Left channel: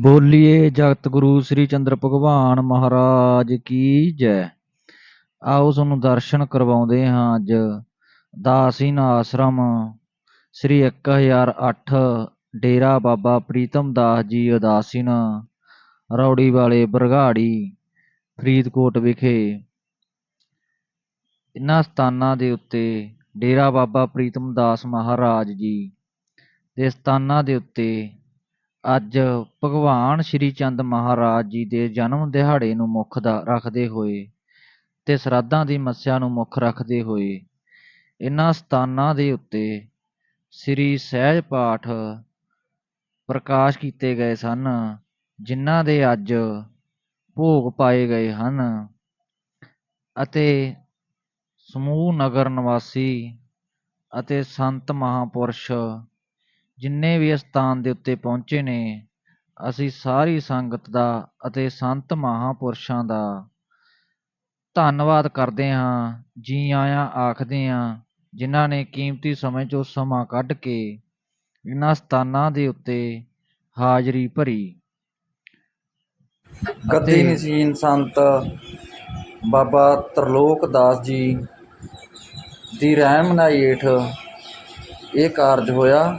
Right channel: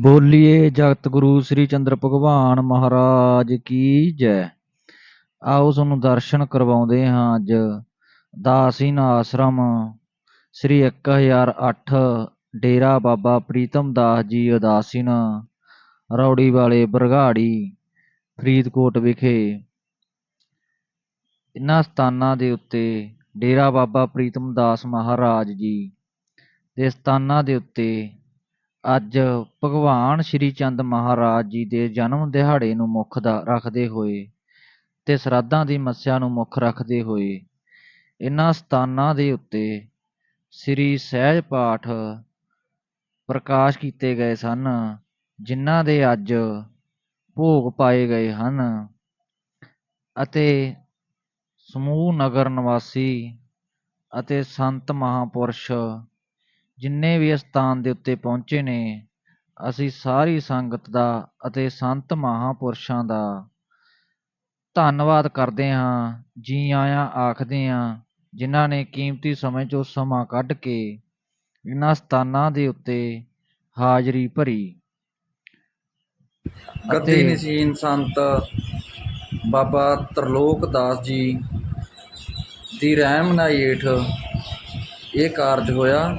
ਬੋਲੀਏ ਜਗਤ ਗੁਰੂ ਸ੍ਰੀ ਚੰਦਰ ਭਗਵਾਨ ਮਹਾਰਾਜ ਕੀ ਜੈ। ਆਓ ਤੁਹਾਨੂੰ ਦਰਸ਼ਨ ਕਰਵਾਉਂਦੇ ਹਾਂ ਅੱਜ। ਦਾਸੀਨ ਆਸ਼ਰਮ, ਸ੍ਰੀ 1008 ਡੇਰਾ ਬਾਬਾ ਪ੍ਰੀਤਮ ਦਾਸ ਜੀ ਉਦਾਸੀਨ, ਰੌੜੀ ਵਾਲੇ ਬਰਗਾੜੀ, ਫਰੀਦਕੋਟ ਵਿਖੇ। ਇਨ੍ਹਾਂ ਸਥਾਨਾਂ ਦੇ ਉੱਤੇ ਡੇਰਾ ਬਾਬਾ ਪ੍ਰੀਤਮ ਦਾਸ ਮਹਾਰਾਜ ਜੀ ਦੇ ਸਥਾਨਾਂ ਦੇ ਉੱਤੇ ਅੱਜ ਭਗਵਾਨ ਸ਼੍ਰੀ ਚੰਦ ਮਹਾਰਾਜ ਜੀ ਦੇ ਜਨਮ ਦਿਹਾੜੇ ਨੂੰ ਮੁੱਖ ਦਾ ਰੱਖਦੇ ਹੋਏ ਅਤੇ ਸ਼ਰਾਧਾਂ ਦੀ ਮੱਸਿਆ ਨੂੰ ਮੁੱਖ ਰੱਖਦੇ ਹੋਏ ਇਹਨਾਂ ਸਥਾਨਾਂ ਦੇ ਉੱਤੇ ਸ੍ਰੀ ਸਹਿਜ ਪਾਠ ਪ੍ਰਕਾਸ਼ ਕੀਤੇ ਗਏ ਸਨ, ਜਿਨ੍ਹਾਂ ਦੇ ਅੱਜ ਭੋਗ ਪਾਏ ਗਏ ਹਨ ਅਤੇ ਸਮੂਹ ਨਗਰ ਨਿਵਾਸੀ ਅਤੇ ਸੰਤ ਮਹਾਂਪੁਰਸ਼ ਜਿੰਨੇ ਵੀ ਇਸ ਸਥਾਨ ਦੇ ਉੱਤੇ ਪਹੁੰਚੇ ਨੇ ਅਸੀਂ ਸਾਰੀ ਸੰਗਤ ਦਾ ਅਤੇ ਸੰਤ ਮਹਾਂਪੁਰਸ਼ਾਂ ਦਾ ਧੰਨਵਾਦ ਕਰਦੇ ਹਾਂ ਜੀ ਆਇਆਂ ਆਖਦੇ ਹਾਂ ਜਿਨ੍ਹਾਂ ਨੇ ਕੀਮਤੀ ਸਮੇਂ 'ਚੋਂ ਸਮਾਂ ਕੱਢ ਕੇ ਇਨ੍ਹਾਂ ਸਥਾਨਾਂ ਦੇ ਉੱਤੇ ਹਾਜ਼ਰੀ ਭਰੀ। ਗੱਦੀ ਨਸੀਨ ਸੰਤ ਬਾਬਾ ਤਰਲੋਕ ਦਾਸ ਜੀ ਦੀ ਰਹਿਨਮਾਈ ਹੇਠ ਇਹ ਕਾਰਜ ਹੋਇਆ।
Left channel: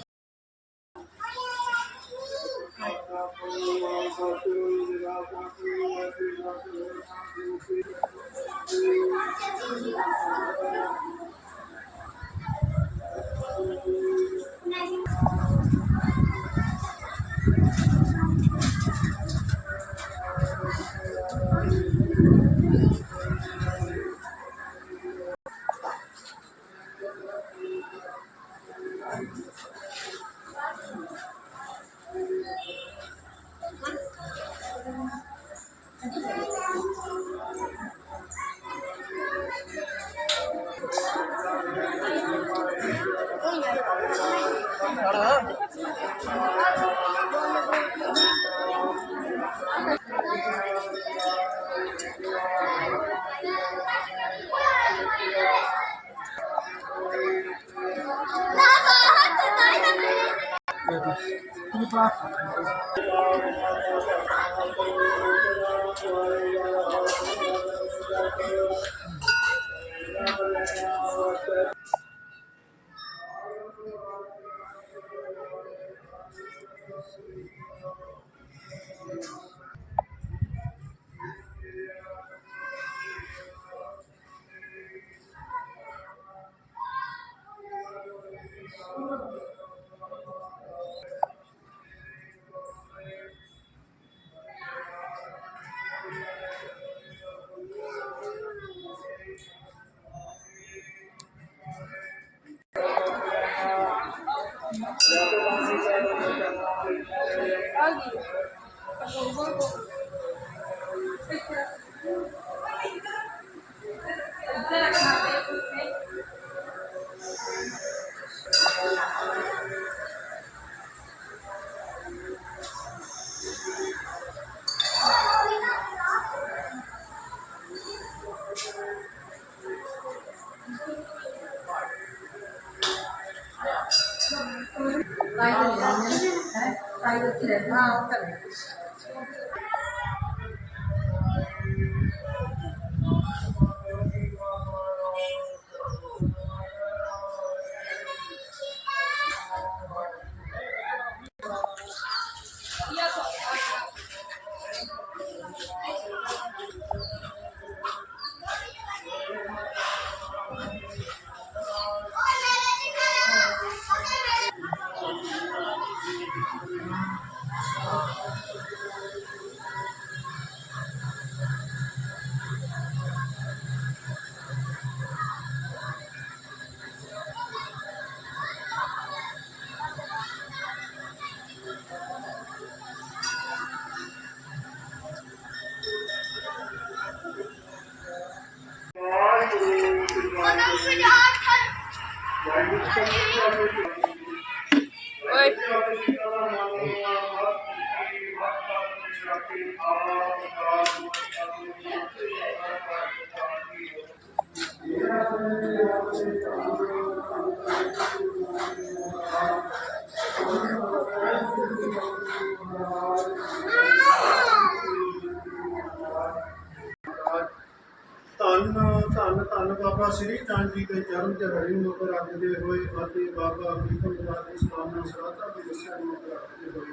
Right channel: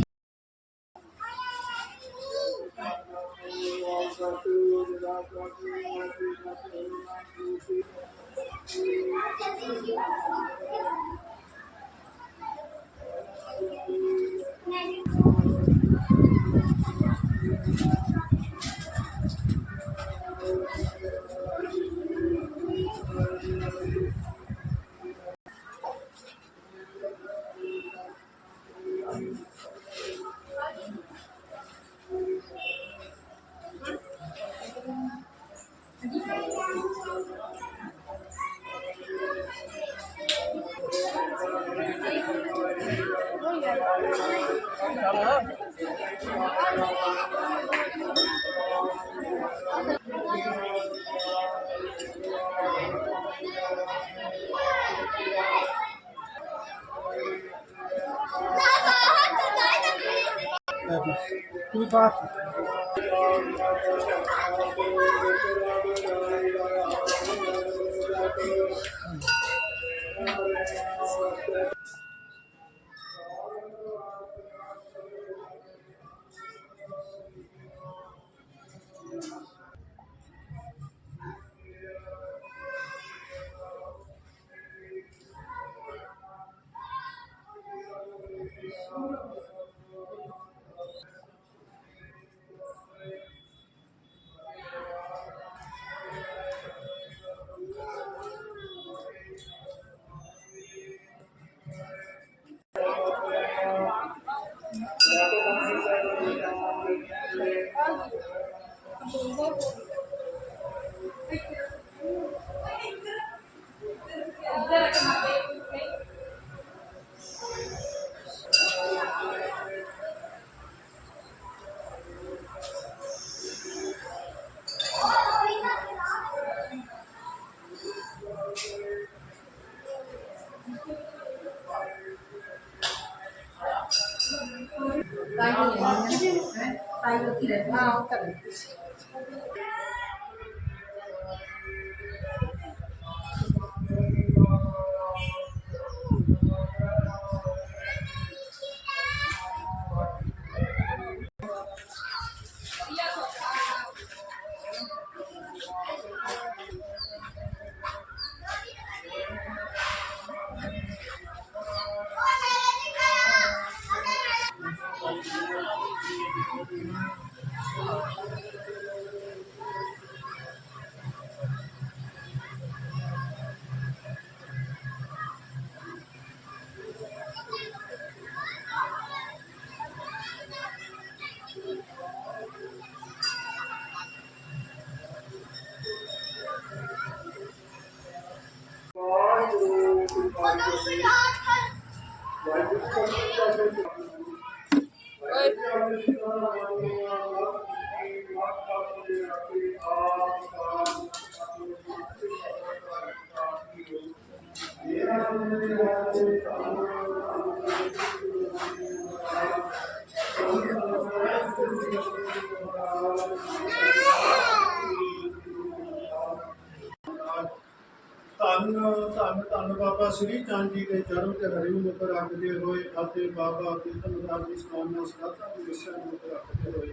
ਜੀ ਨੂੰ ਮੁੱਖ ਰੱਖਦੇ ਹੋਏ ਅਤੇ ਬਾਬਾ ਪ੍ਰੀਤਮ ਦਾਸ ਦੀ ਸਥਾਪਨਾ ਸਰਾਧਾ ਦੀ ਦੱਸਿਆ ਨੂੰ ਮੁੱਖ ਰੱਖਦੇ ਹੋਏ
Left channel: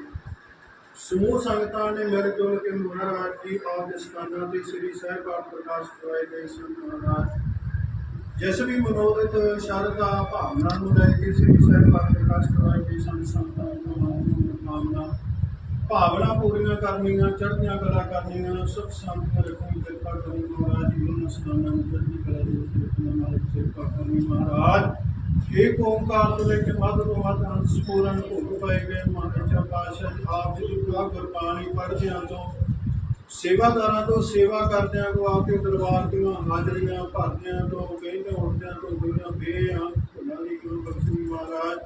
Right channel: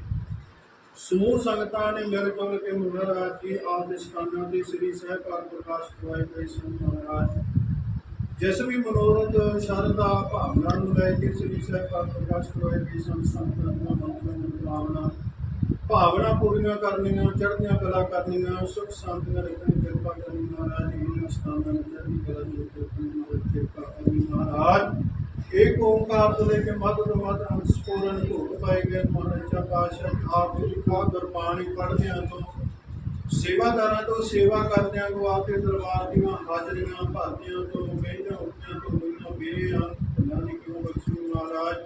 ਸਮੂਹ ਸੰਗਤਾਂ ਨੇ ਮਿਲ ਜੁਲ ਕੇ ਮਹਾਰਾਜ ਜੀ ਆਪ ਦੇ ਸਥਾਨਾਂ ਤੇ ਸ੍ਰੀ ਸਹਿਕਾਰ ਪ੍ਰਕਾਸ਼ ਕਰਵਾਏ ਗਏ ਸਨ ਮਹਾਰਾਜ। ਜਿਸ ਵੀ ਮਨੋਰਥ, ਸ਼ਰਧਾ, ਭਾਵਨਾ ਨੂੰ ਲੈ ਕੇ ਸ੍ਰੀ ਸਾਹਿਬ ਸਹਿਕਾਰ ਪ੍ਰਕਾਸ਼ ਕਰਵਾਏ ਗਏ ਸਨ, ਸੰਤਾਂ ਦੀਆਂ ਮਨ ਕਾਮਨਾ ਭਾਵਨਾ ਪੂਰੀਆਂ ਕਰਨੀਆਂ, ਚੜ੍ਹਦੀਆਂ ਕਲਾ ਕਰਨੀਆਂ, ਸੁਖ ਸ਼ਾਂਤੀਆਂ ਰੱਖਣੀ ਕਿਰਪਾ ਕਰਨੀ ਮਹਾਰਾਜ ਜੀ ਇਹਨਾਂ ਸਥਾਨਾਂ ਨੂੰ ਚੜ੍ਹਦੀ ਕਲਾ ਦੇ ਉੱਤੇ ਆਪਣਾ ਨਾਲ ਕਿਰਪਾ ਕਰਨੀ ਮਹਾਰਾਜ। ਏਕ ਓੰਕਾਰ ਤੋਂ ਲੈ ਕੇ ਮੱਧ ਤੋਂ ਮੱਧ ਅੰਤ ਸਪੂਰਨ ਭੋਗ ਪਾਏ ਗਏ ਮਹਾਰਾਜਾ ਪਾਤਸ਼ਾਹ ਆਪ ਜੀ ਕਾ ਗੁਰਬਾਣੀ ਪੜ੍ਹਦਿਆਂ ਤੋਂ, ਸੇਵਾਦਾਰਾਂ ਤੋਂ, ਸੇਵਾ ਕਰਦਿਆਂ ਤੋਂ ਆਪ ਦੇ ਦਰਬਾਰ ਦੀਆਂ ਹਾਜ਼ਰੀਆਂ ਭਰਦਿਆਂ ਤੋਂ ਬਹਿੰਦਿਆਂ ਉੱਠਦਿਆਂ ਤੋਂ ਹੋਈਆਂ ਬੇਆਂ ਭੁੱਲਾਂ ਦੀ ਕਿਉਂ ਬਖਸ਼ੀ ਮਹਾਰਾਜ?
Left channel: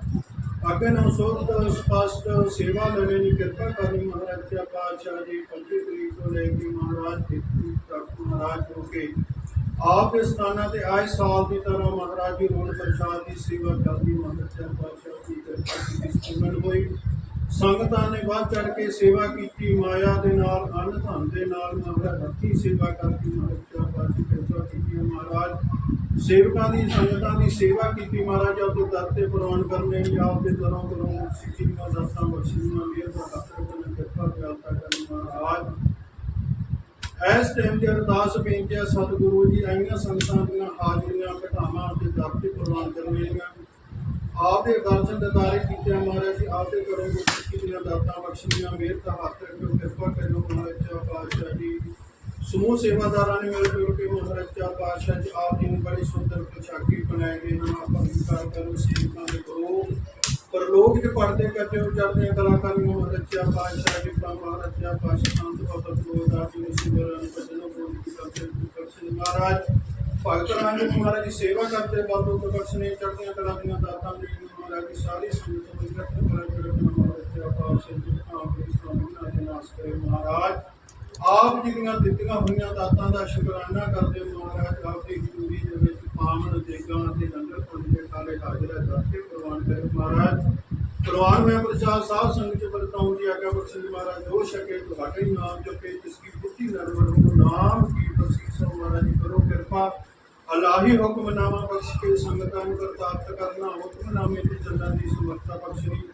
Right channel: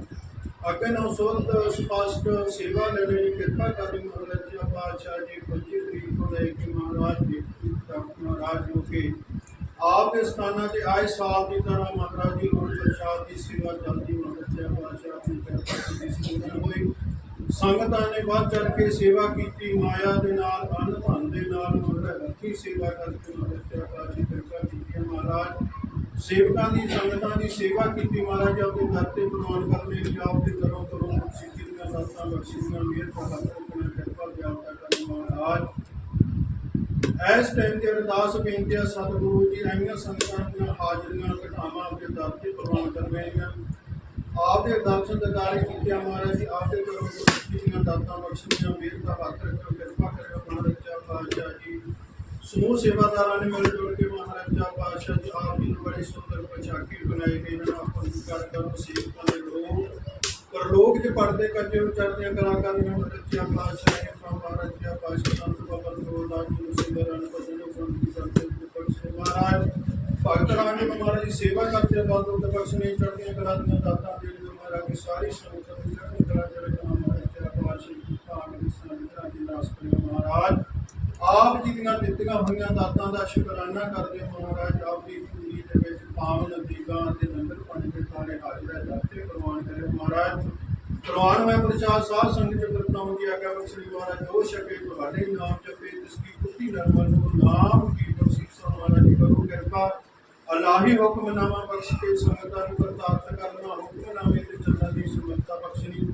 ਅੱਗੇ ਨੂੰ ਸੁਧ ਸਪਸ਼ਟ ਸੇਵਾ ਲੈਣੇ ਦੀ ਕਿਰਪਾ ਕਰਨੀ ਮਹਾਰਾਜਾ ਪਾਤਸ਼ਾਹ ਜੀ 25 ਤਰੀਕ ਤੋਂ ਲੈ ਕੇ ਮਹਾਰਾਜ ਜੀ ਤੱਕ ਮਹਾਰਾਜ ਜੋ ਕਿ ਆਪ ਦੇ ਸਥਾਨਾਂ ਤੇ ਆਏ ਸਾਲ ਦੀ ਤਰ੍ਹਾਂ ਮਹਾਰਾਜ ਜੀ ਰੋਡ ਪ੍ਰਸ਼ਾਦ ਦੀ ਸੇਵਾ ਚੱਲਦੀ, ਮਹਾਰਾਜਾ ਪਾਤਸ਼ਾਹ ਦੀ ਕਿਰਪਾ ਦੀ ਸਪੂਰਨ ਹੋਈ। ਸੰਗਤਾਂ ਨੇ ਵੱਧ ਚੜ ਕੇ ਸੇਵਾ ਕੀਤੀ, ਮਾਇਆ ਦੇ ਨਾਲ ਅੰਨ ਧਨ ਦੇ ਨਾਲ, ਮਹਾਰਾਜ ਹੱਥੀ ਸੇਵਾ ਕਰਕੇ ਮਹਾਰਾਜਾ ਪਾਤਸ਼ਾਹ ਕਿਰਪਾ ਕੀਤੀ ਮਹਾਰਾਜ ਸੇਵਕਾਂ ਦੀ, ਸੰਗਤਾਂ ਦੀ ਸੇਵਾ ਕੀਤੀ ਮਹਾਰਾਜ, ਆਪਦੇ ਦਰ ਤੇ ਪ੍ਰਵਾਨ ਕਰਨੇ ਲਈ ਆਪਦੇ ਦਰੋਂ ਕਰੋਂ ਸਿੱਖੀ ਦੀਆਂ ਦਾਤਾਂ ਬਖਸ਼ੀਆਂ ਮਿਹਰ ਤੋਂ ਹੱਥ ਰੱਖਣਾ ਕਿਰਪਾ ਦਿਆਲਤਾ ਕਰਨ ਮਹਾਰਾਜ। ਇਸ ਟਾਈਮ ਦੀ ਅਰਦਾਸ ਬੇਨਤੀ ਹੈ, ਸਤਿਗੁਰੂ ਜੀ ਆਈਆਂ ਸੰਗਤਾਂ ਦੀਆਂ ਹਾਜ਼ਰੀਆਂ ਘਟਾਵਾਂ ਆਪਦੇ ਦਰ ਤੇ ਪ੍ਰਵਾਨ ਕਰਨੀਆਂ ਆਪ ਦੇ ਦਰਸ਼ਨ ਦਿਦਾਰੇ ਕੀਤੇ ਮਹਾਰਾਜ ਜੀ, ਆਪਦੇ ਕਰੋ ਗੁਰਸਿੱਖੀ ਦੀਆਂ ਦਾਤਾਂ ਬਖਸ਼ੀਆਂ ਮਿਹਰ ਦਾ ਹੱਥ ਰੱਖੋ ਕਿਰਪਾ ਕਰਿਓ ਮਹਾਰਾਜ ਪਾਤਸ਼ਾਹ ਜੀ। ਸਮੂਹ ਸੇਵਾਦਾਰਾਂ ਨੇ ਮਿਲ ਜੁਲ ਕੇ ਮਹਾਰਾਜਾ ਪਾਤਸ਼ਾਹ ਜੀ ਆਪ ਜੀ ਨੂੰ ਬੜੇ ਸੁੰਦਰ ਪਛਾਕੀ ਬਣਾਏ ਗਏ ਹਨ ਆਪਾਂ ਵਿਕਾਰ ਕਰੋ ਸੇਵਕਾਂ ਦੇ ਗਰੋ ਪਰਲੋਕ ਦੇ ਪਰਦੇ ਕੱਜੇ ਉਚਰਦੀਆਂ ਕਲਾਕਾਰੀਆਂ ਮਹਾਰਾਜਾ ਪਾਤਸ਼ਾਹ ਜੀ ਪ੍ਰਮ ਮਹਾਰਾਜਾ ਪਾਤਸ਼ਾਹ ਸੰਤ ਬਾਬਾ ਗੋਦਾਸ ਜੀ ਨੂੰ ਸਿਮਰਨ ਭਜਨ ਗੁਣ ਕੀ ਕਰਦੇ ਬਖਸ਼ੇ ਮਹਾਰਾਜ, ਭਗਤ ਰਾਂਗੇ ਮਹਾਰਾਜ ਦੀ ਸੇਵਾ ਕਰਦੇ ਬਲ ਦੁੱਧ ਬਖਸ਼ਨੇ ਚੜ੍ਹਦੀਆਂ ਕਲਾ ਦੀਆਂ ਦਾਤਾਂ ਦੇਣੀਆਂ ਮਹਾਰਾਜ ਦੀ ਸਾਰੀ ਸੰਗਤ ਨੂੰ ਰੱਖਣ ਕਲਾ ਦੇ ਰੱਖਣਾ। ਮਹਾਰਾਜਾ ਪਾਤਸ਼ਾਹ ਜੀ ਭਾਗ ਦੇ ਸਲਾਮਾਂ ਨਾਸ ਕਰੇ। ਮਹਾਰਾਜ ਆਪ ਜੀ ਦੀਆਂ ਦਿੱਤੀਆਂ ਹੋਈਆਂ ਦਾਤਾਂ ਦਾ ਸ਼ੁਕਰਾਨਾ ਕਰਦੇ ਮਹਾਰਾਜ ਆਪ ਦੀ ਹਜ਼ੂਰੀ ਦੇ ਵਿੱਚ ਪਾਵਨ, ਦੇਗਾਂ ਅਤੇ ਲੰਗਰ ਪਾਣੀ ਦੇ ਸਾਰੇ ਹਾਜ਼ਰ ਹੈ, ਦਾਤੇ ਪ੍ਰਵਾਨ ਕਰੇ। ਮਹਾਰਾਜ, ਪ੍ਰਵਾਨ ਹੋਇਆ ਪ੍ਰਚਾਰ ਸਾਧ ਸੰਗਤ ਚ ਵਰਤਾਉਣ ਦੀ ਆਗਿਆ ਬਖਸ਼ੀ ਮਹਾਰਾਜ ਜੋ ਸ਼ਕੇ ਤੁਹਾਡੇ ਨਾਮ ਜਪੇ, ਜਿਸ ਕੀ ਪੁੱਤੀ ਨਰਮਲ ਨੂੰ ਨਾਮ ਕੀ ਬਖਸ਼ਿਸ਼ ਮਹਾਰਾਜ ਜੀ, ਕਰੋ ਕਿਰਪਾ। ਅਲਾਹੀ ਹੁਕਮਨਾਮਾ ਬਖਸ਼ ਕੇ ਸੰਗਤਾਂ ਨੂੰ ਕਰਤਾਰਤ ਕਰਨਾ, ਹੁਕਮਨਾਮੇ ਤੇ ਚੱਲਣ ਦੀ ਸਮਰੱਥਾ ਬਖਸ਼ਣੀ।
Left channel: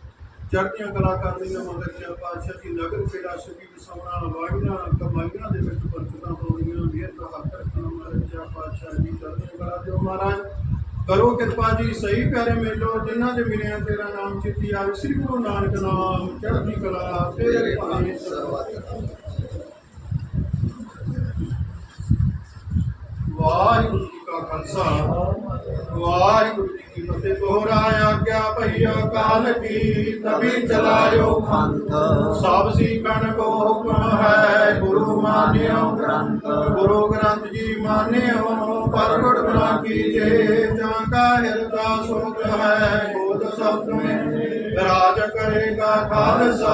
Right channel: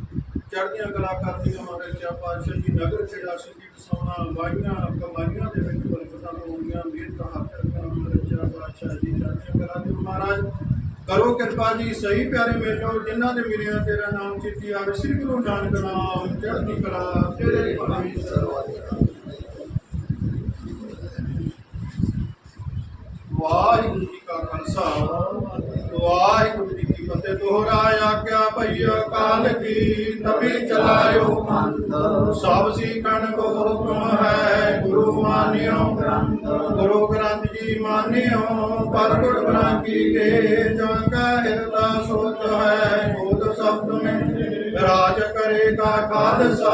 ਚੜ੍ਹਦੀਆਂ ਕਲਾ ਕਰਦੀਆਂ ਮਹਾਰਾਜਾ ਪਾਤਸ਼ਾਹ ਜੀ ਨਗਰ ਖੇੜਾ ਸੁਖੀ ਵਸਾਉਣਾ ਵਾਹੀਆਂ ਕਮਾਈਆਂ ਦੇ ਵਿੱਚ ਬਰਕਤਾਂ ਪਾਉਣੀਆਂ ਮਿਹਰ ਦਾ ਹੱਥ ਰੱਖਣਾ ਮਹਾਰਾਜਾ ਪਾਤਸ਼ਾਹ ਜੀ ਚੜ੍ਹਦੀਆਂ ਕਲਾ ਦਿਓ ਮਹਾਰਾਜ, ਕਰੋ ਕਿਰਪਾ ਜੀ, ਸਹੀ ਪਿਆਰੇ ਮੇਲੋ, ਜਿਨ੍ਹਾਂ ਦੇ ਮਿਲਿਆ ਤੇਰਾ ਨਾਮ ਚਿੱਤੀ ਆਵੇ, ਸ੍ਰੀ ਗੁਰੂ ਨਾਨਕ ਨਾਮ ਚੜ੍ਹਦੀ ਕਲਾ ਤੇਰੇ ਭਾਣੇ। ਸਰਵਾਧਿਕਾਰ ਵਾਹਿਗੁਰੂ ਜੀ ਕਾ ਖਾਲਸਾ, ਵਾਹਿਗੁਰੂ ਤੇ ਦੋਹਰਾਇ ਆਗਿਆ ਭਈਆ ਕਾਲ ਕੀ ਤਬੀ ਚਲਾਇਓ ਪੰਥ। ਸਭ ਸਿਕਣ ਕੋ ਹੁਕਮ ਹੈ, ਗੁਰੂ ਮਾਨਿਓ। ਗੁਰੂ ਗ੍ਰੰਥ ਜੀ ਮਾਨਿਓ, ਪਰਗਟ ਬਣਾ ਕੀਜੇ ਜਾਂ ਕਾ ਹਿਰਦਾ ਸੋਚ ਹੈ, ਬੋਧ ਸਬਦ ਮੈਂ ਰਾਜ ਕਰੇਗਾ ਖਾਲਸਾ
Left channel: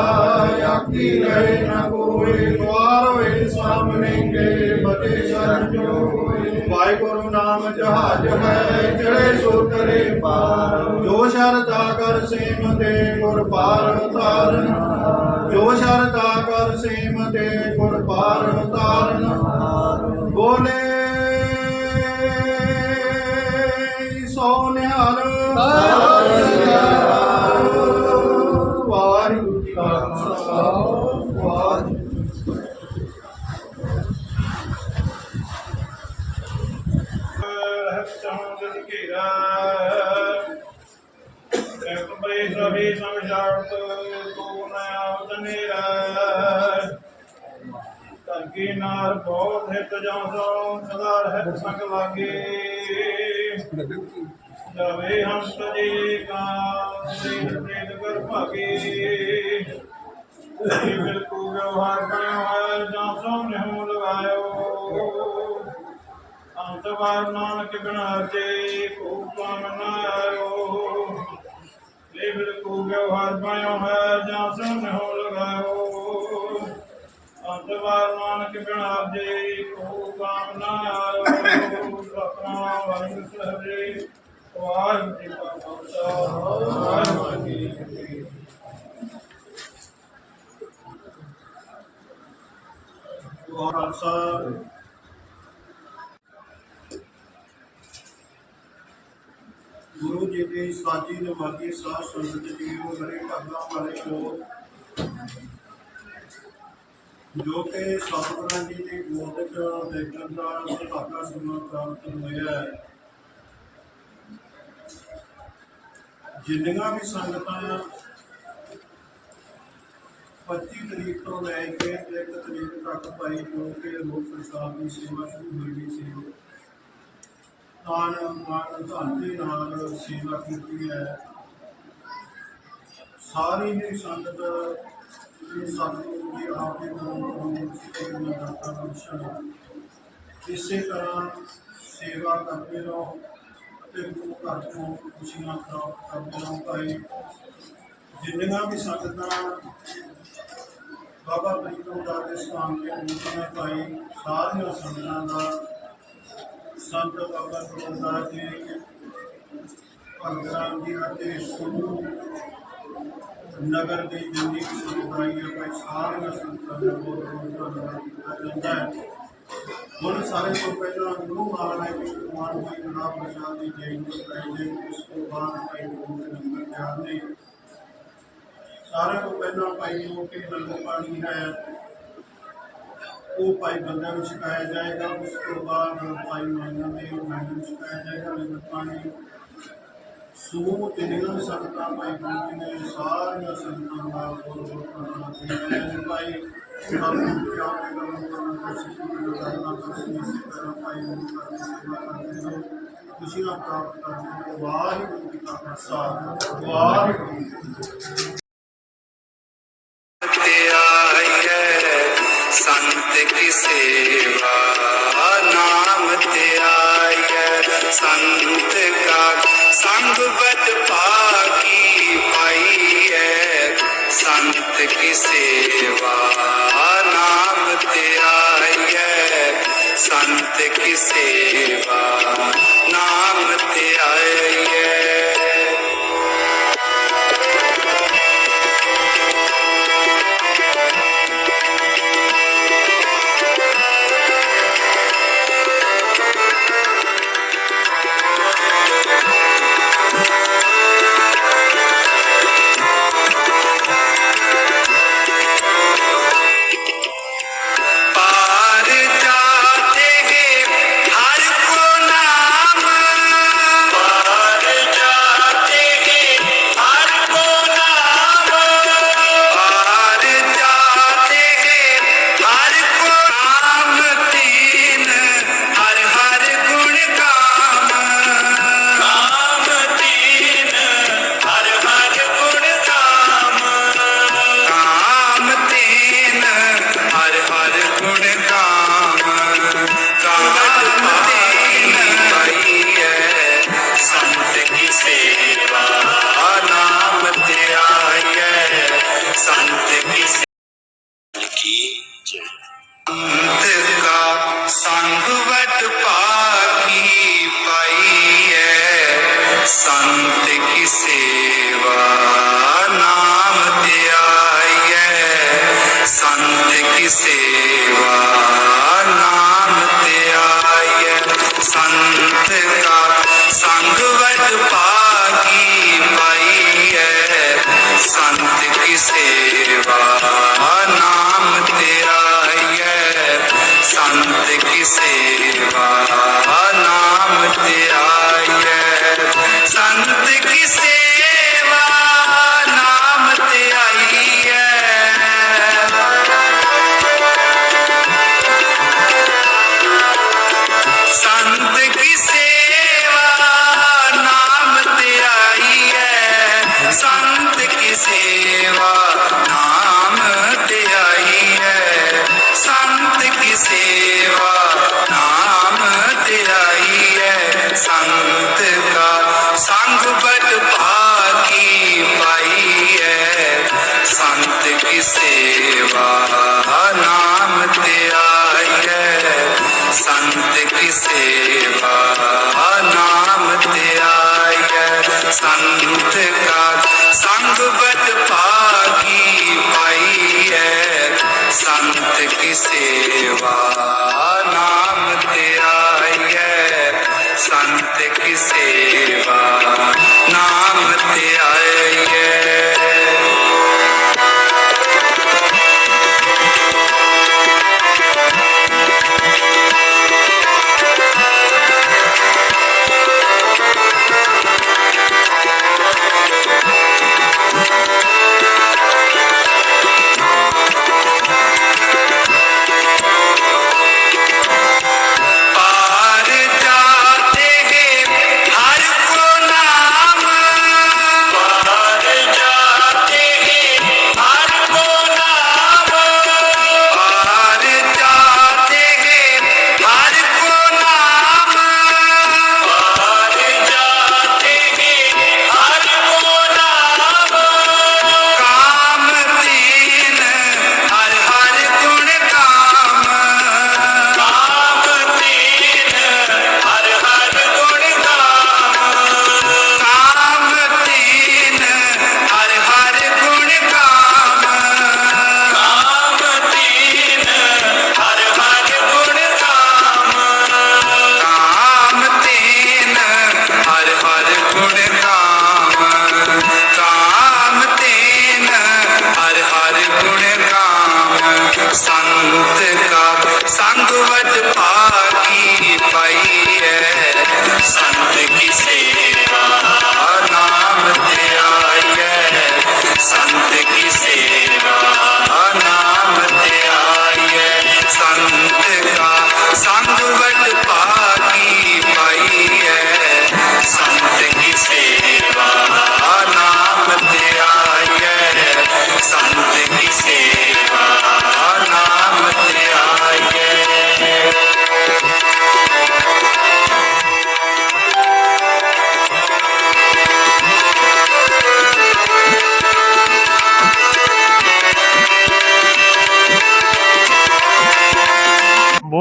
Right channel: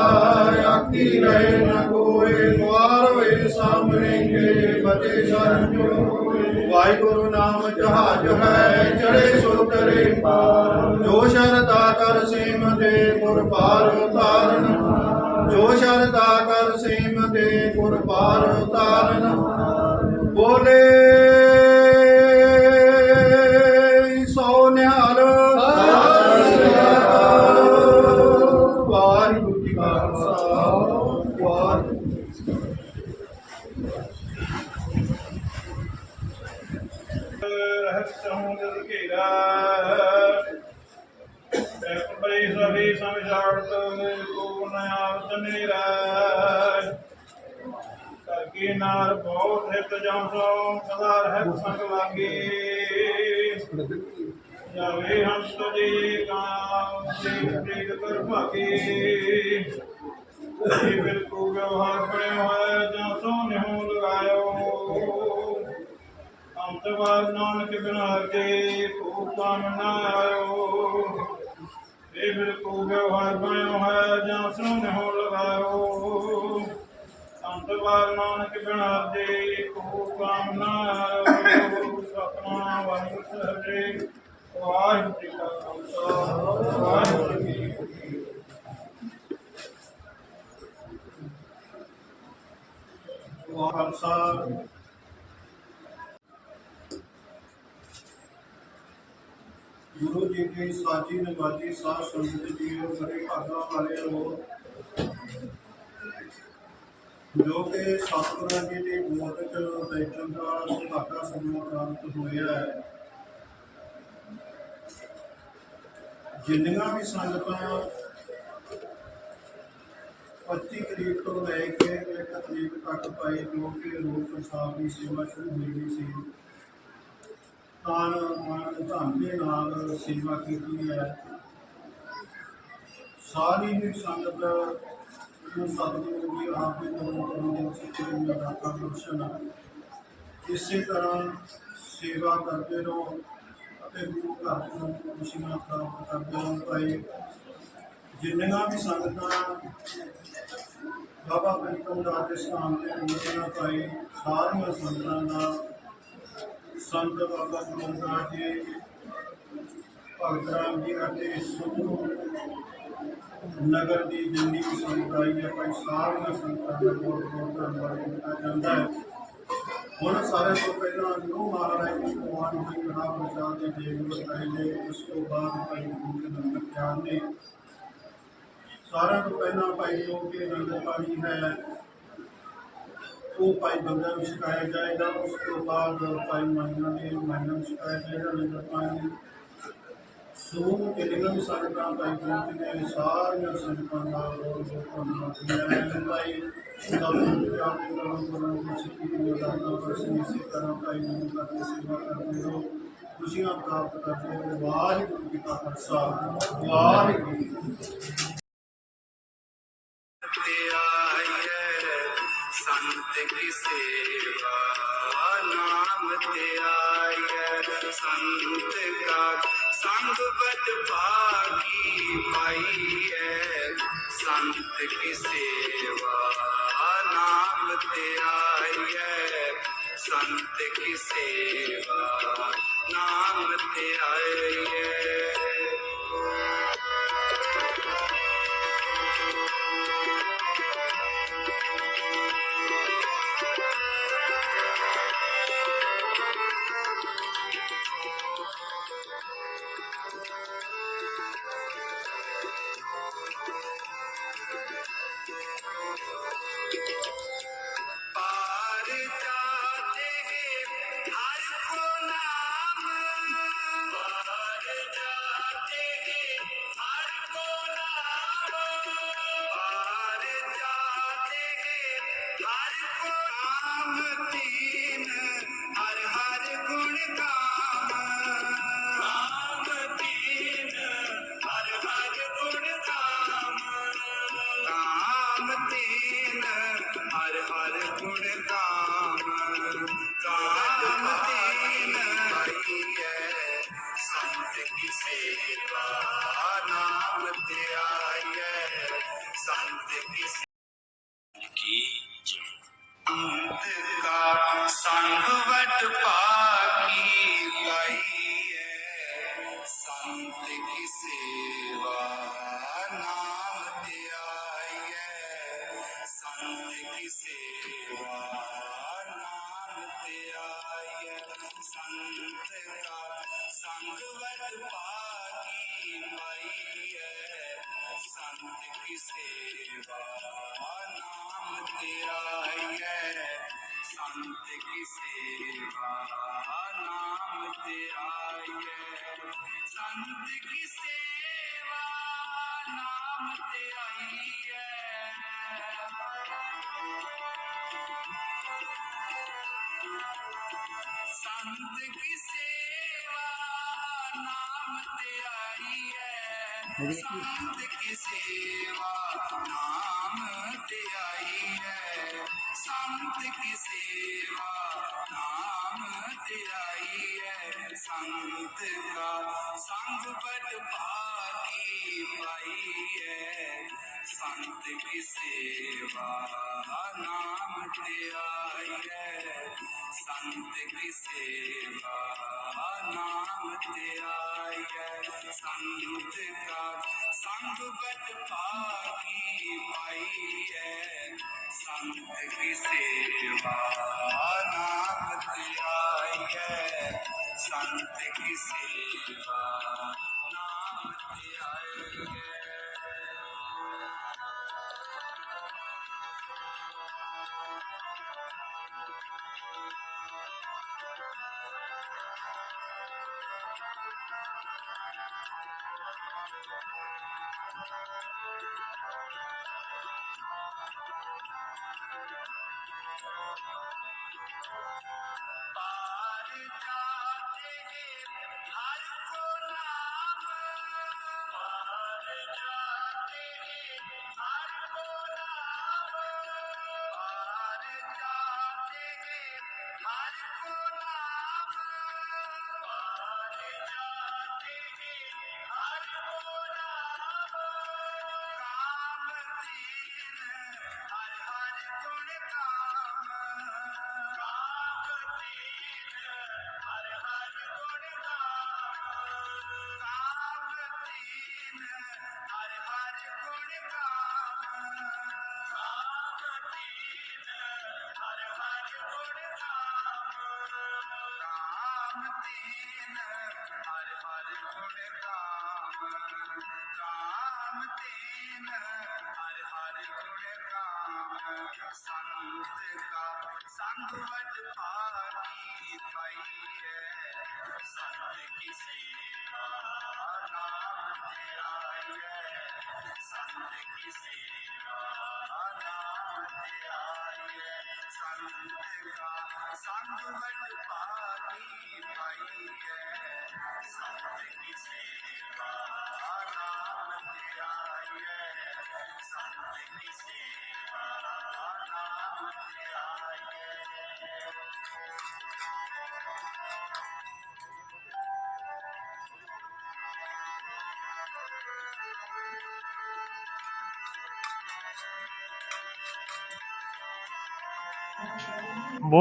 ਆਕੀ ਰਹੇ ਨ ਕੋਏ। ਦਵਾਰ ਵੇ ਸਾਹਮਣੇ ਕੇ ਬਤੇ ਸ਼ਰਨ ਜੋ ਵਾਹਿਗੁਰੂ ਨਾਮ ਜਹਾਜ ਹੈ ਚੜੇ ਸੋ ਤਰੇ ਪਾਰ। ਜੋ ਸ਼ਰਦਾ ਕਰ ਸੇਮ ਦੇ ਗੁਰ ਪਾਰ ਤਾਰਨ ਜੋ ਸ਼ਰਦਾ ਕਰ ਸੇਮ ਦੇ ਗੁਰ ਪਾਰ ਤਾਰਨ ਬੋਲੇ ਬਹੁਤ ਹਿਤ ਜਉ ਸੋ ਸਦਾ ਰਹਿਤ ਸੰਗ ਲਾਗੇ। ਜਾਵੇ ਹੰਸ ਜੀ ਕਾ ਦੇਖ ਪ੍ਰੇਤ ਕਰ ਭਾਗੇ। ਜੀ ਬਿਲਕੁਲ ਵਿਵਹਾਰ ਬਣਿਆ ਹੋਇਆ ਜਾਂ ਸੋ ਨਿਹੂ ਲਗਾਇਓ। ਅੰਤਵਾਰ ਨਾਨਕ ਬਿਨਾ ਕੇ ਕੋ ਕੰਮ ਇਹ ਬਿਲਕੁਲ ਵਿਵਹਾਰ ਬਣਿਓ ਹੈ ਜਾਂ ਸੁਨ ਹੋ ਲਗਾਇਓ। ਅੰਤਵਾਰ ਨਾਨਕ ਬਿਨਾ ਦੇ ਕੋ ਕੰਮ ਨਾਰੋ ਸਪਨਾ ਵਾਹਿਗੁਰੂ ਸਹਿਰੇ ਵਾਹਿਗੁਰੂ ਜੀ ਕਾ ਖਾਲਸਾ, ਵਾਹਿਗੁਰੂ ਜੀ ਕੀ ਫਤਿਹ। ਖਾਲਸਾ। ਜੀ ਦੀ ਸਾਜੀ ਨਮਾਜ਼ੀ ਸਾਧ ਸੰਗਤ ਜੀਓ, ਮੇਰੇ ਭਾਗਾਂ ਵਾਲਿਓ। ਜੋ ਕਿ ਸਤਿਗੁਰਾਂ ਜੀ ਦੀ ਗੋਦ ਬੈਠਣ ਦਾ ਸੁਭਾਗਾ ਸਮਾਂ ਪ੍ਰਾਪਤ ਹੋਇਆ ਹੈ। ਜਿੰਨੀਆਂ ਵੀ ਸੰਗਤਾਂ 25 ਤਰੀਕ ਤੋਂ ਲੈ ਕੇ 1 ਤਰੀਕ ਤੱਕ ਪਾਈ ਜੋ ਕਿ ਰੂਪ ਪ੍ਰਸਾਦ ਦੀ ਸੇਵਾ ਸ਼ੁਰੂ ਹੋਈ ਸੀ, ਤਾਨ ਮਾਨ ਧਨ ਦੇ ਨਾਲ ਸੇਵਾ ਕੀਤੀ ਹੈ। ਸਾਰੀ ਹੀ ਸੰਗਤ ਨੂੰ ਸਤਿਗੁਰੂ ਜੀ ਆਪ ਦੇ ਤਰ੍ਹਾਂ ਤੋਂ ਸਿੱਖੇ ਨੂੰ ਦਾਤਾ ਬਖਸ਼ਣ ਇਸੇ ਤਰ੍ਹਾਂ ਸੇਵਾ ਕਰਦੇ ਰਹੋ ਅਤੇ ਗੁਰੂ ਘਰ ਤੋਂ ਖੁਸ਼ੀਆਂ ਪ੍ਰਾਪਤ ਕਰਦੇ ਰਹੋ ਭਾਈ। ਜਿੰਨੀਆਂ ਵੀ ਸੰਗਤਾਂ ਬਾਬਾ ਪ੍ਰੀਤਮ ਦਾਸ ਦੇ ਸਥਾਨ ਤੇ ਮੂਰਤੀਆਂ ਪਾਈ ਸਾਰੀਆਂ ਸੰਗਤਾਂ ਦਾ ਸੰਤ ਬਾਬਾ ਗੁਰਦਾਸ ਜੀ, ਭਗਤ ਰਾਮ ਜੀ ਅਤੇ ਸ਼ੁਰੂ ਨਗਰ ਦੀ ਜਿੰਨੀ ਵੀ ਸੰਗਤ ਹੈ, ਭਾਈ ਸਾਰੀਆਂ ਸੰਗਤਾਂ ਦਾ ਬਹੁਤ ਬਹੁਤ ਧੰਨਵਾਦ ਕੀਤਾ ਜਾਂਦਾ ਹੈ। ਹੁਣ ਸਾਰੇ ਤੋਂ ਪਹਿਲਾਂ ਗੁਰੂ ਮਹਾਰਾਜ ਜੀ ਕੁਮਾਰ ਹੋਈ ਮਹਾ ਪ੍ਰਸਾਦ ਦੀ ਦੇਗ ਬਤਾਈ ਦੇ ਉਸ ਤੋਂ ਬਾਅਦ ਭਾਈ ਗੁਰੂ ਦੇ ਨੰਬਰ ਤਿਆਰ ਨੇ। ਸਾਰਿਆਂ ਤੋਂ ਪਹਿਲਾਂ ਭਾਈ ਜੋ ਕਿ ਨੰਗਲ ਪਾਣੀ ਹੈ, ਉਹ ਭਾਈ ਬੰਦਿਆਂ ਨੂੰ ਛਕਾਇਆ ਜਾਏਗਾ, ਉਸ ਤੋਂ ਬਾਅਦ ਭਾਈ ਮਾਈਆਂ ਦੇ ਮਾਈਨਾ ਨੂੰ ਛਕਾਇਆ ਜਾਏਗਾ ਨੰਗਲ ਪਾਣੀ। ਸੋ ਕਿੰਨੀਆਂ ਸੰਗਤਾਂ ਭਾਈ ਪਹੁੰਚੇ ਨੇ, ਸਾਰੀਆਂ ਸੰਗਤਾਂ ਦਾ ਬਹੁਤ ਬਹੁਤ ਧੰਨਵਾਦ ਭਾਈ ਸਤਿਗੁਰੂ ਜੀ ਦੇ ਨਾਮ ਕਰਨ ਤੋਂ ਸਿੱਖੀ ਦੀ ਲਗਾਤਾਰ ਬਖਸ਼ੀ ਇਸੇ ਤਰ੍ਹਾਂ ਭਾਈ ਗੁਰੂ ਘਰ ਦੀ ਸੇਵਾ ਕਰਦੇ ਰਹੋ। ਖੁਸ਼ੀਆਂ ਪ੍ਰਾਪਤ ਕਰਦੇ ਰਹੋ। ਵਾਹਿਗੁਰੂ ਜੀ ਕਾ ਖਾਲਸਾ। ਵਾਹਿਗੁਰੂ। ਜੀ ਸੰਤ ਕੀ ਸੇਵਾ ਨਾਮ ਤੇ ਆਈਐ ਸੰਤ ਕਾ ਸੰਗ ਬਤ ਪਾਈ ਪਾਈਐ। ਸੰਤ ਕੀ ਸੇਵਾ ਨਾਮ ਤੇ ਆਈਐ। ਸੰਤ ਕੀ ਸੇਵਾ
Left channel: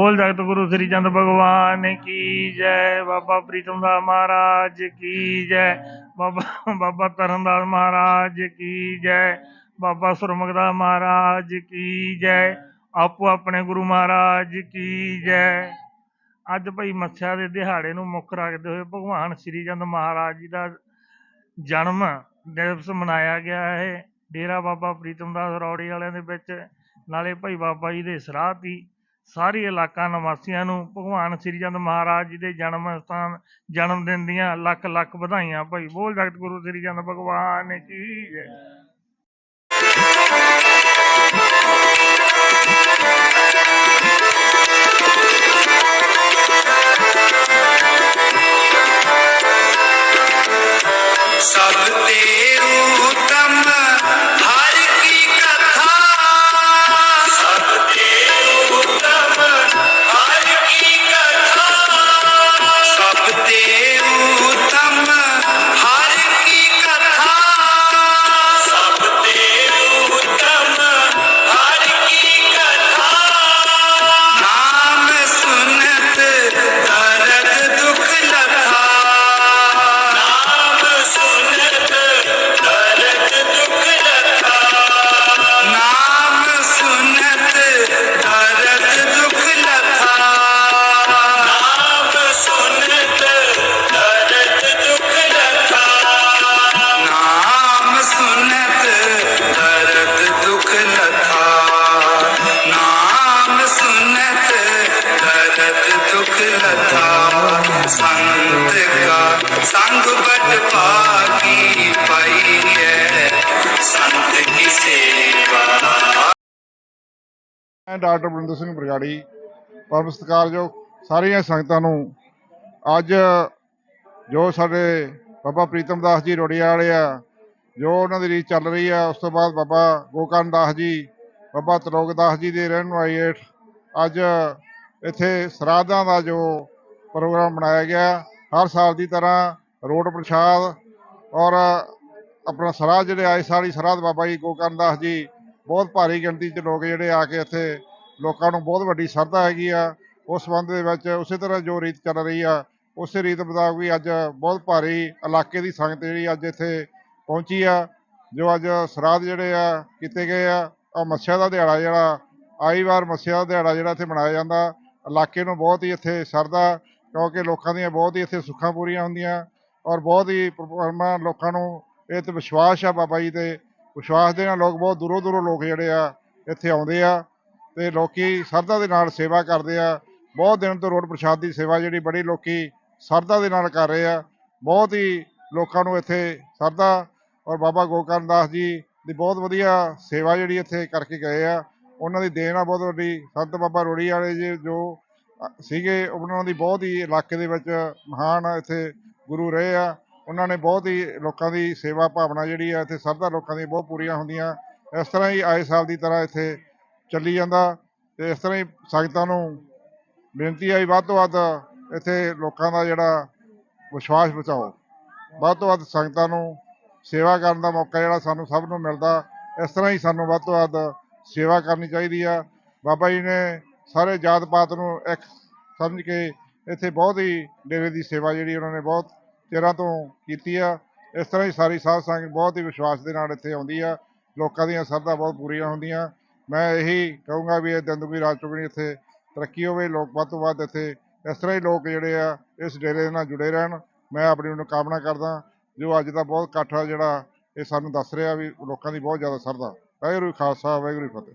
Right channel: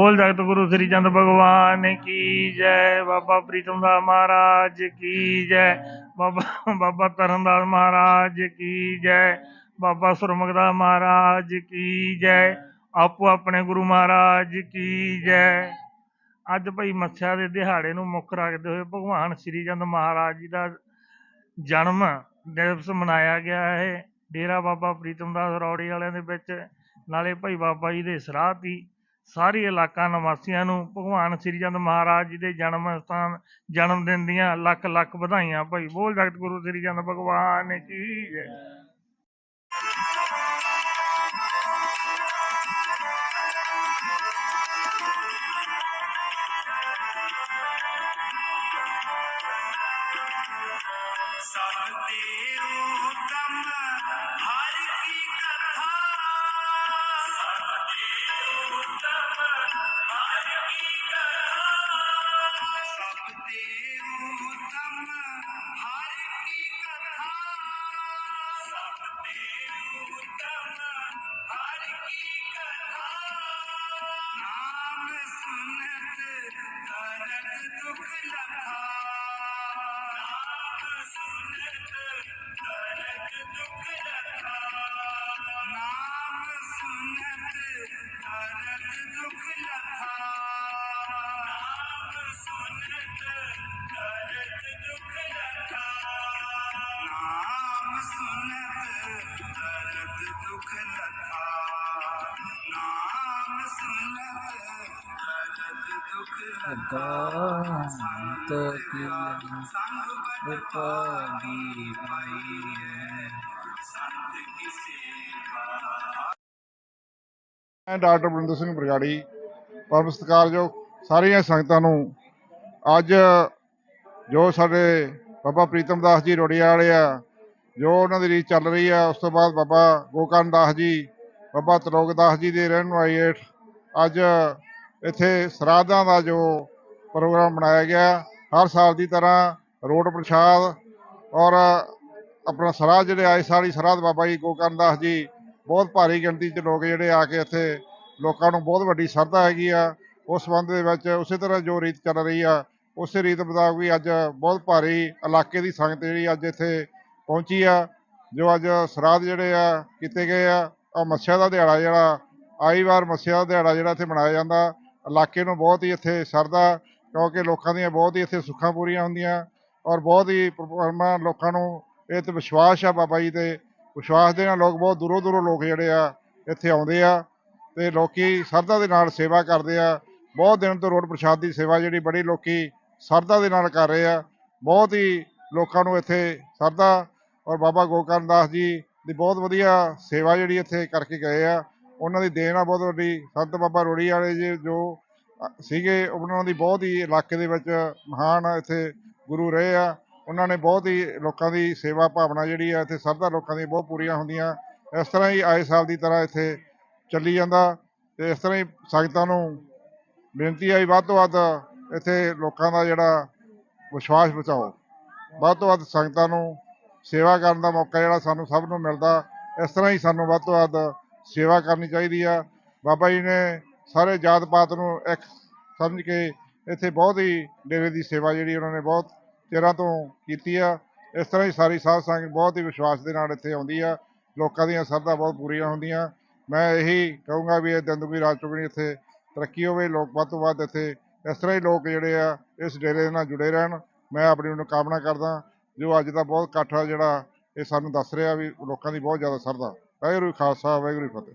ਬੋਲ ਜਗਤ ਗੁਰੂ ਸ੍ਰੀ ਚੰਦ ਭਗਵਾਨ ਕੀ ਜੈ? ਬਾਬਾ ਪ੍ਰੀਤਮ ਦਾਸ ਮਹਾਰਾਜ ਕੀ ਜੈ? ਬਾਬਾ ਬਾਬਾ ਤਰਨਦਾਸ ਮਹਾਰਾਜ ਕੀ ਜੈ? ਬਾਬਾ ਸੁਰਮੁਖਦਾਸ ਮਹਾਰਾਜ ਕੀ ਜੈ? ਆਪੋ ਆਪਣੇ ਗੁਰੂ ਮਹਾਰਾਜ ਕੀ ਜੈ? ਅੱਜ ਭਾਈ ਮੱਸਿਆ ਦੇ ਦਿਹਾੜੇ ਨੂੰ ਮੁੱਖ ਰੱਖਦੇ ਹੋਏ ਭਗਵਾਨ ਸ੍ਰੀ ਚੰਦ ਮਹਾਰਾਜ ਜੀ ਦਾ ਜਨਮ ਦਿਵਸ ਮਨਾਇਆ ਗਿਆ ਹੈ। ਡੇਰਾ ਬਾਬਾ ਪ੍ਰੀਤਮ ਦਾਸ ਰੌੜੀ ਵਾਲਿਆਂ ਦੇ ਵਿੱਚ, ਨਾਲੇ ਭਾਈ ਬਾਬਾ ਜੀ ਦੇ ਸਰਾਧ ਹੀ ਸਾਰੇ ਇਲਾਕਾ ਨਿਵਾਸੀਆਂ ਨੂੰ ਭਗਵਾਨ ਸ੍ਰੀ ਚੰਦ ਮਹਾਰਾਜ ਜੀ ਦੇ ਜਨਮ ਸਥਾਨ, ਜਨਮ ਦਿਨ ਦੀਆਂ ਲੱਖ ਲੱਖ ਵਧਾਈਆਂ। ਭਾਈ ਬੋਲ ਜਗਤ ਗੁਰੂ ਸ੍ਰੀ ਚੰਦ ਭਗਵਾਨ ਕੀ ਜੈ ਮੈਂ ਡਾਕਟਰ ਬਰਿੰਦਰ ਸਿੰਘ ਬਰਗਾੜੀ। ਪਰਮ ਸਤਿਕਾਰਯੋਗ ਸਾਰੀਆਂ ਸੰਗਤਾਂ ਨੂੰ, ਅੱਜ ਜੋ ਸਾਡੇ ਬਾਬਾ ਪ੍ਰੀਤਮ ਦਾਸ ਜੀ ਰੋੜੀਆ ਵਾਲੇ ਆ, ਜੋ ਉਹਨਾਂ ਦੀ ਰੀਤ ਚੱਲ ਰਹੀ ਆ, ਉਸ ਤੋਂ ਬਾਅਦ ਬਾਬਾ ਗੋਕਰਨ ਦਾਸ ਜੀ, ਬਾਬਾ ਤਰੋਗ ਦਾਸ ਜੀ ਦੇ ਰਹਿਣ ਵਾਲੀ ਹੇਠ, ਅੱਜ ਇੱਥੇ ਸਰਾਧਾਂ ਦਾ ਜੋ ਪ੍ਰੋਗਰਾਮ ਬਣਾਇਆ ਗਿਆ, ਹਰ ਸਾਲ ਦੀ ਤਰ੍ਹਾਂ ਰੋਡ ਪ੍ਰਸ਼ਾਦ ਔਰ ਆਪਣਾ ਸਰਾਧ ਜਿਹੜੇ ਆਏ ਸਾਰੀ ਸਰਾਧ ਬਾਬਾ ਜੀ ਗੋਕਰਨ ਦਾਸ ਜੀ ਬਹੁਤ ਭਾਰੀ ਗਿਣਤੀ 'ਚ ਲੋਕ ਜਿਹੜੇ ਆ ਕੇ ਇੱਥੇ ਲੋਕਾਂ ਨੂੰ ਬਹੁਤ ਵੱਡੀ ਸ਼ਰਧਾ ਹੈਗੀ ਆ। ਉਸ ਸੰਬੰਧ ਦੇ ਵਿੱਚ ਉਸੇ ਤਰ੍ਹਾਂ ਜੋ ਰੀਤ ਚੱਲ ਰਹੀ ਆ, ਉਸੇ ਰੀਤ ਮੁਤਾਬਕ ਵੀ ਅੱਜ ਬਹੁਤ ਭਾਰੀ ਇਲਾਕੇ ਦੀ ਸੰਗਤ ਜਿਹੜੀ ਅੱਜ ਇੱਥੇ ਪਹੁੰਚੀ ਆ। ਜੋ ਅੱਜ ਸਰਾਧ ਜਿਹੜੇ ਆ ਕੀਤੇ ਗਏ ਆ ਆ ਮੱਸਿਆ ਦਾ ਦਿਹਾੜਾ ਜਿਹੜਾ, ਆਈ ਵਾਰ ਮੱਸਿਆ ਦਾ ਦਿਹਾੜਾ ਜਿਹੜਾ ਇੱਥੇ ਮਨਾਇਆ ਜਾਂਦਾ। ਇਲਾਕੇ ਨੂੰ ਬਹੁਤ ਹੀ ਇੱਥੇ ਸ਼ਰਧਾ, ਕਿਉਂਕਿ ਲੋਕਾਂ ਦੀਆਂ ਬਹੁਤ ਹੀ ਇੱਥੇ ਸੁੱਖਾਂ ਪੂਰੀਆਂ ਹੁੰਦੀਆਂ ਔਰ ਬਹੁਤ ਹੀ ਪਰਮਾਤਮਾ ਲੋਕਾਂ ਨੂੰ ਇਹ ਤੇ ਵਿਸ਼ਵਾਸ ਆ ਬਾਬਾ ਜੀ ਤੇ ਵਿਸ਼ਵਾਸ ਦੇ ਨਾਲ ਲੋਕ ਬਹੁਤ ਦੂਰੋਂ ਦੂਰੋਂ ਲੋਕ ਜਿਹੜੇ ਆ ਇੱਥੇ ਆਉਂਦੇ ਆ ਤੇ ਲੋਕੀ ਸਰਦਾ ਦੇ ਨਾਲ ਸੇਵਾ ਕਰਦੇ ਆ। ਬਹੁਤ ਦਿਨ ਤੋਂ ਰੋਡ ਪ੍ਰਸ਼ਾਦ ਦੀ ਸੇਵਾ ਜਿਹੜੀ ਬੜੀ ਲੋਕੀ ਸਰਦਾ ਦੇ ਨਾਲ ਕਰ ਰਹੇ ਆ। ਬਹੁਤ ਹੀ ਲੋਕਾਂ ਨੂੰ ਇੱਥੇ ਸਰਦਾ ਔਰ ਬਾਬਾ ਗੋਕਰਨ ਦਾਸ ਜੀ ਦੀ ਬਹੁਤ ਵਧੀਆ ਸੇਵਾ ਜਿਹੜੀ ਇੱਥੇ ਕਰਕੇ ਗਏ ਆ। ਉਹਨਾਂ ਦੀ ਦੇਣ ਆ ਬਹੁਤ ਵੱਡੀ। ਸੰਤ ਬਾਬਾ ਰੋੜੀ ਵਾਲੇ ਜੀ ਜੋ ਸੀਗੇ, ਉਹਨਾਂ ਦੀ ਬਹੁਤ ਹੀ ਇਲਾਕੇ ਦੇ ਵਿੱਚ ਮਹਾਨ ਇੱਥੇ ਗੁਰੂ ਰਹੇ ਆ। ਉਹਨਾਂ ਨੇ ਬਹੁਤ ਹੀ ਲੋਕਾਂ ਦੀ ਸੇਵਾ ਭਾਵਨਾ ਜਿਹੜੀ ਆ, ਇੱਥੇ ਸਰਦਾ ਲੋਕਾਂ ਦੀ ਬਹੁਤ ਪੂਰੀਆਂ ਹੁੰਦੀਆਂ। ਇਸ ਤਰ੍ਹਾਂ ਹੀ ਆਏ ਸਾਲ ਦੀ ਤਰ੍ਹਾਂ ਇੱਥੇ ਚੱਲੀ ਜਾਂਦਾ ਤੇ ਇਸ ਤਰ੍ਹਾਂ ਹੀ ਸੰਗਤਾਂ ਨੂੰ ਬੇਨਤੀ ਆਈ ਵੱਧ ਤੋਂ ਵੱਧ ਇੱਥੇ ਲੋਕਾਂ ਦਾ ਜਿਹੜਾ ਵਿਸ਼ਵਾਸ ਬਚਾਓ। ਵੱਧ ਤੋਂ ਵੱਧ ਸੰਗਤਾਂ ਨੂੰ ਸੇਵਾ ਕਰਨ ਦਾ ਮੌਕਾ ਜਿਹੜਾ ਸਾਨੂੰ ਸਭ ਨੂੰ ਮਿਲਦਾ, ਇਸ ਤਰ੍ਹਾਂ ਹੀ ਸਾਨੂੰ ਵੱਧ ਤੋਂ ਵੱਧ ਸੇਵਾ ਕਰਨੀ ਚਾਹੀਦੀ ਆ। ਬਾਬਾ ਜੀ ਨੇ ਸਾਰੇ ਜਾਤ ਪਾਤ ਨੂੰ ਇੱਕ ਸਮਝ ਕੇ ਇੱਥੇ ਬਹੁਤ ਹੀ ਡੇਰੇ ਦੀ ਸੇਵਾ ਜਿਹੜੀ ਉਹਨਾਂ ਨੇ ਬਹੁਤ ਚਿਰਾਂ ਤੋਂ ਕੀਤੀ ਆ। ਇਸ ਤਰ੍ਹਾਂ ਹੀ ਸਾਰੀ ਸਾਧ ਸੰਗਤ ਬਹੁਤ ਹੀ ਵਿਸ਼ਵਾਸ ਦੇ ਨਾਲ ਇੱਥੇ ਆਉਂਦੀ ਆ। ਲੋਕਾਂ ਦੀਆਂ ਸਰਧਾ ਬਹੁਤ ਪੂਰੀਆਂ ਹੁੰਦੀਆਂ। ਮੈਂ ਇਹੀ ਕਹੂੰਗਾ ਵੀ ਇਹ ਦੰਦੂਗੀ ਰਾਜ ਚੁਗਣੀ ਇੱਥੇ ਤਰੱਕੀ ਹੋਵੇ, ਲੋਕ ਵੱਧ ਤੋਂ ਵੱਧ ਇੱਥੇ ਇਸ ਤਰ੍ਹਾਂ ਹੀ ਲੋਕ ਜਿਹੜੇ ਆ ਇਸ ਡੇਰੇ ਦੇ ਨਾਲ ਜੁੜੇ ਰਹਿਣ। ਮੈਂ ਆਪਣੀ ਮਨੋਕਾਮਨਾ ਕਰਦਾ ਜੋ ਅੱਜ ਦਾ ਬਹੁਤ ਇਕੱਠ ਆ ਜਿਹੜਾ ਇਹ ਸਾਨੂੰ ਦੱਸ ਰਿਹਾ ਵੀ ਲੋਕਾਂ ਦੀ ਬਹੁਤ ਜ਼ਿਆਦਾ ਸਰਧਾ। ਵਾਹਿਗੁਰੂ ਖਾਲਸਾ, ਵਾਹਿਗੁਰੂ ਜੀ ਫਤਿਹ।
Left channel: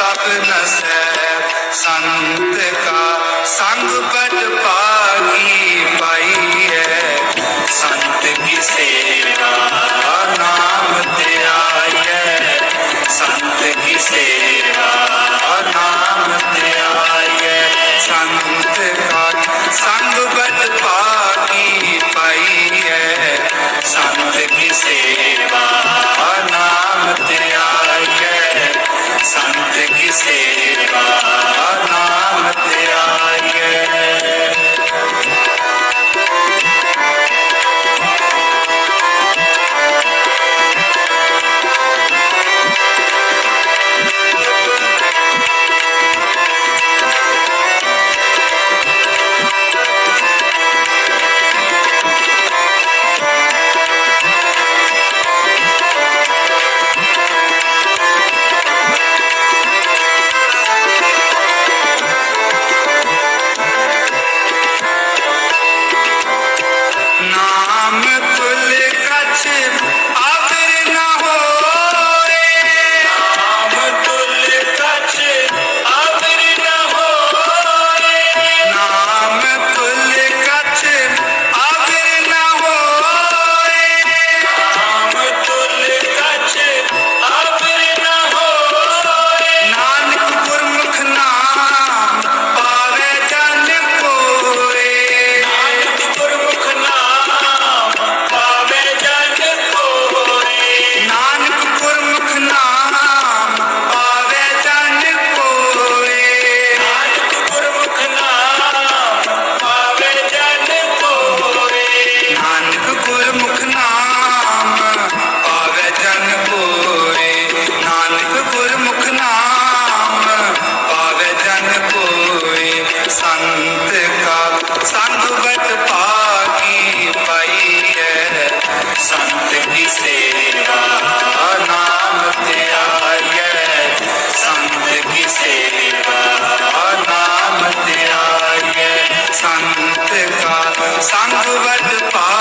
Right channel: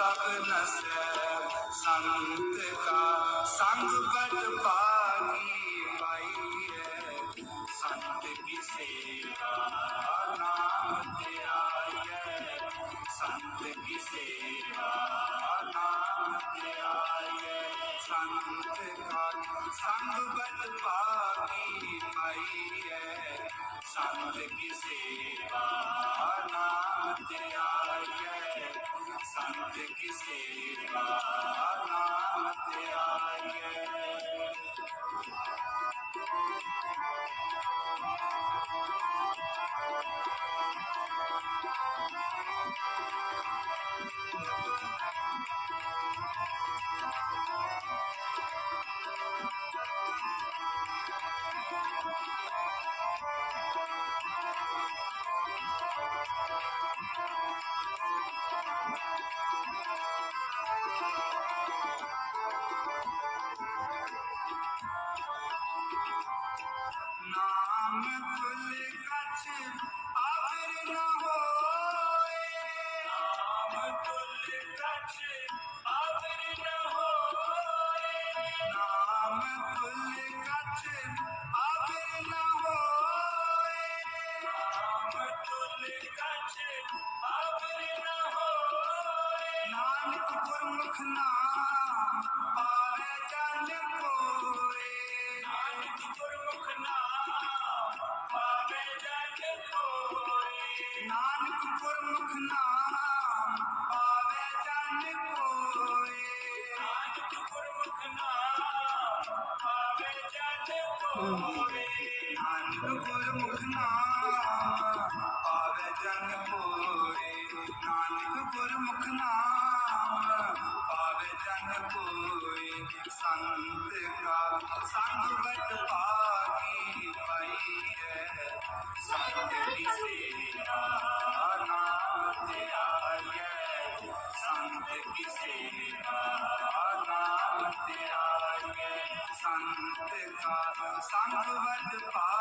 ਸਭ ਨਸੈ ਸੰਤ ਕਾ ਸੰਗ ਬੜ ਪਾਗੀ ਪਾਈਐ ਸੰਤ ਕੀ ਸੇ ਸੰਗ ਵਡ ਪਾ